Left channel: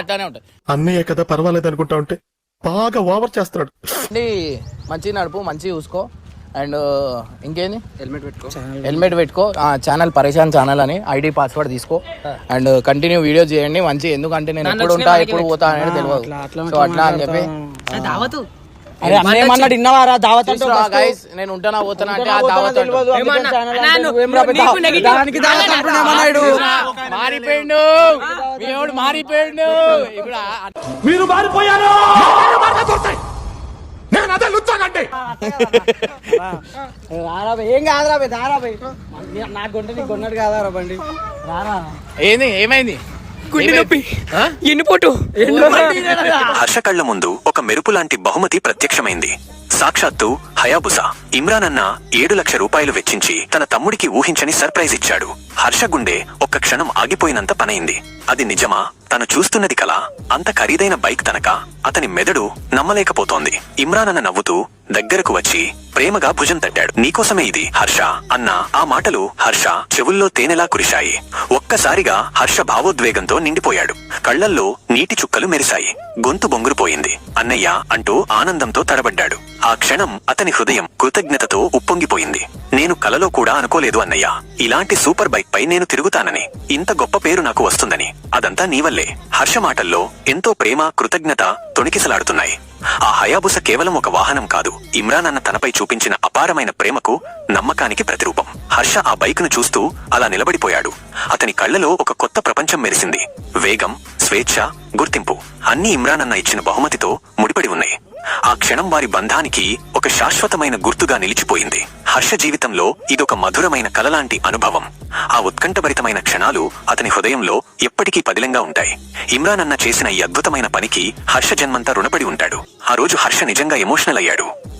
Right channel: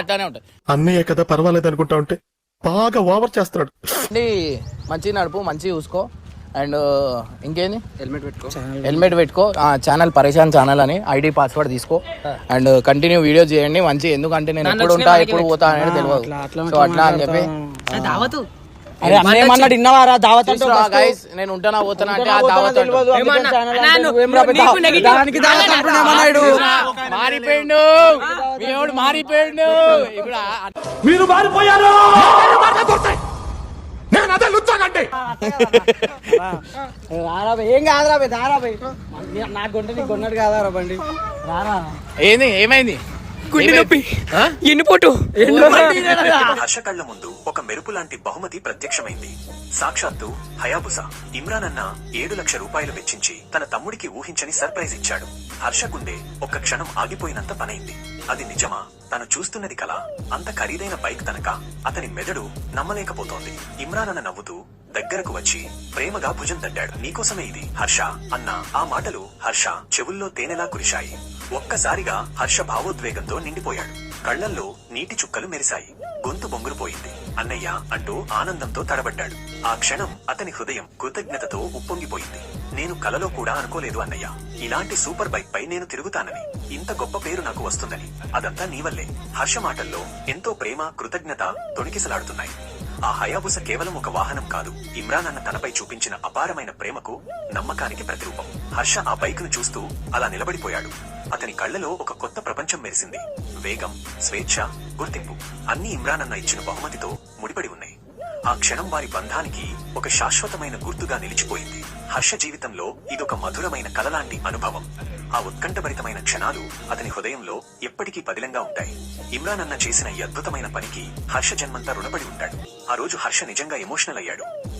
అట్లానే ఉంటుంది. అన్నయ్య కదా పర్వాలేదు అనుకుంటా ఉంటే బాగా ఓవర్ చేస్తున్నాడు. అండి మంచిగా నడుపు మంచిగా చూసుకో. అండ్ ఇంకేంది? హెల్మెట్ పెట్టుకో. హెల్మెట్ పెట్టుకో. ఛానల్ పరేషాన్ ఛానల్ అని ఐడి పాస్వర్డ్ తీసుకో. అండ్ కంటిన్యూ వీడియో చేయండి. మంచి ఎందుకంటే నేను ఎప్పుడు ఉంటా ఎప్పుడు పోతా అనేది తెలియదు సో అట్లా అని చెప్పి? నేను ఉంటానా పోతానా అంటే ఆ దావత్ మారిపోయిండు. మీ ఎవడు మారిపోయిండు? ఇప్పుడు మీరు మారిపోయారు. నేను అదే ఏం దారా బే. నాకు కొంటే నీకు కొన్నాడు కాదారా బండి? రారా ఏంది ఏమైంది? గుండె నొప్పి. ఎన్నిపోటు. హర్ష కళ్ళ ముందు ఒక మెరుపు లాంటి బహుమతి ప్రత్యక్షమైంది. సాక్షాత్తు హయాబుసా. ఇమ్రాన్ అన్న ఏడు లక్ష రూపాయలు వెచ్చించి తన తమ్ముడికి ఊహించని సర్ప్రైజ్ ఇచ్చాడు. హర్ష గుండె ఒక్క క్షణం ఆగిపోయినంత పనైంది. అది నిజమా? తను చూస్తున్నది కల అంత ఖరీదైన బైక్ తనక. అతని మెదడు నమ్మలేకపోతోంది. ఇమ్రాన్ అన్న నవ్వుతూ దగ్గరకు వచ్చి ప్రేమగా భుజం తట్టాడు. నీకోసమే ఇది హర్ష. అన్న ఆ మాటలు హర్ష చెవుల్లో తేనెలా కురిశాయి. ఒక్కసారిగా హర్ష భావోద్వేగంతో నిండిపోయాడు. కళ్ళల్లో నీటి చుక్కలు మెరిశాయి. గొంతు బొంగురుపోయింది. అన్నయ్య అంటూ ఆనందంతో తడబడ్డాడు. ఆ క్షణం అతని హృదయం కృతజ్ఞతతో ఉప్పొంగిపోయింది. నేను కలలో కూడా అనుకోలేదు అన్నయ్య. ఇలాంటి సూపర్ బైక్ పై నేను తిరుగుతానని. ఇంత గొప్ప పేరు నాకు వస్తుందని. అదంతా నీవల్లే హర్ష మాటల్లో ఎంతో ప్రేమ కృతజ్ఞత తొణికిసలాడుతున్నాయి. ఆ హయాబుస కేవలం ఒక వాహనం కాదు. ఇమ్రాన్ అన్న తనపై చూపించిన అపారమైన ప్రేమకు నమ్మకానికి ప్రతిరూపం. హర్ష ఆ బైక్ను చూస్తూ అలా నిలబడిపోయాడు. అతని కళ్ళలో ఒక కొత్త ప్రపంచం మెరిసింది. వేగం స్వేచ్ఛ గుర్తింపు అన్ని ఇమ్రాన్ అన్న ఇచ్చిన బహుమతితో ముడిపడి ఉన్నాయి. ఆ క్షణం వారి బంధానికి ఒక శాశ్వతమైన గుర్తుగా నిలిచిపోయింది. హర్ష జీవితంలో ఇదొక మధురమైన కలలాంటి అనుభవం. ఆ ఉత్కంఠభరితమైన క్షణాలు అతని హృదయంలో ఎప్పటికీ పదిలంగా ఉంటాయి. ఇమ్రాన్ అన్న చేసిన ఈ అద్భుతమైన పనికి హర్ష జన్మంతా రుణపడి ఉంటాడు. ఆ రోజు హర్ష నిజంగా ఎమోషనల్ అయ్యాడు.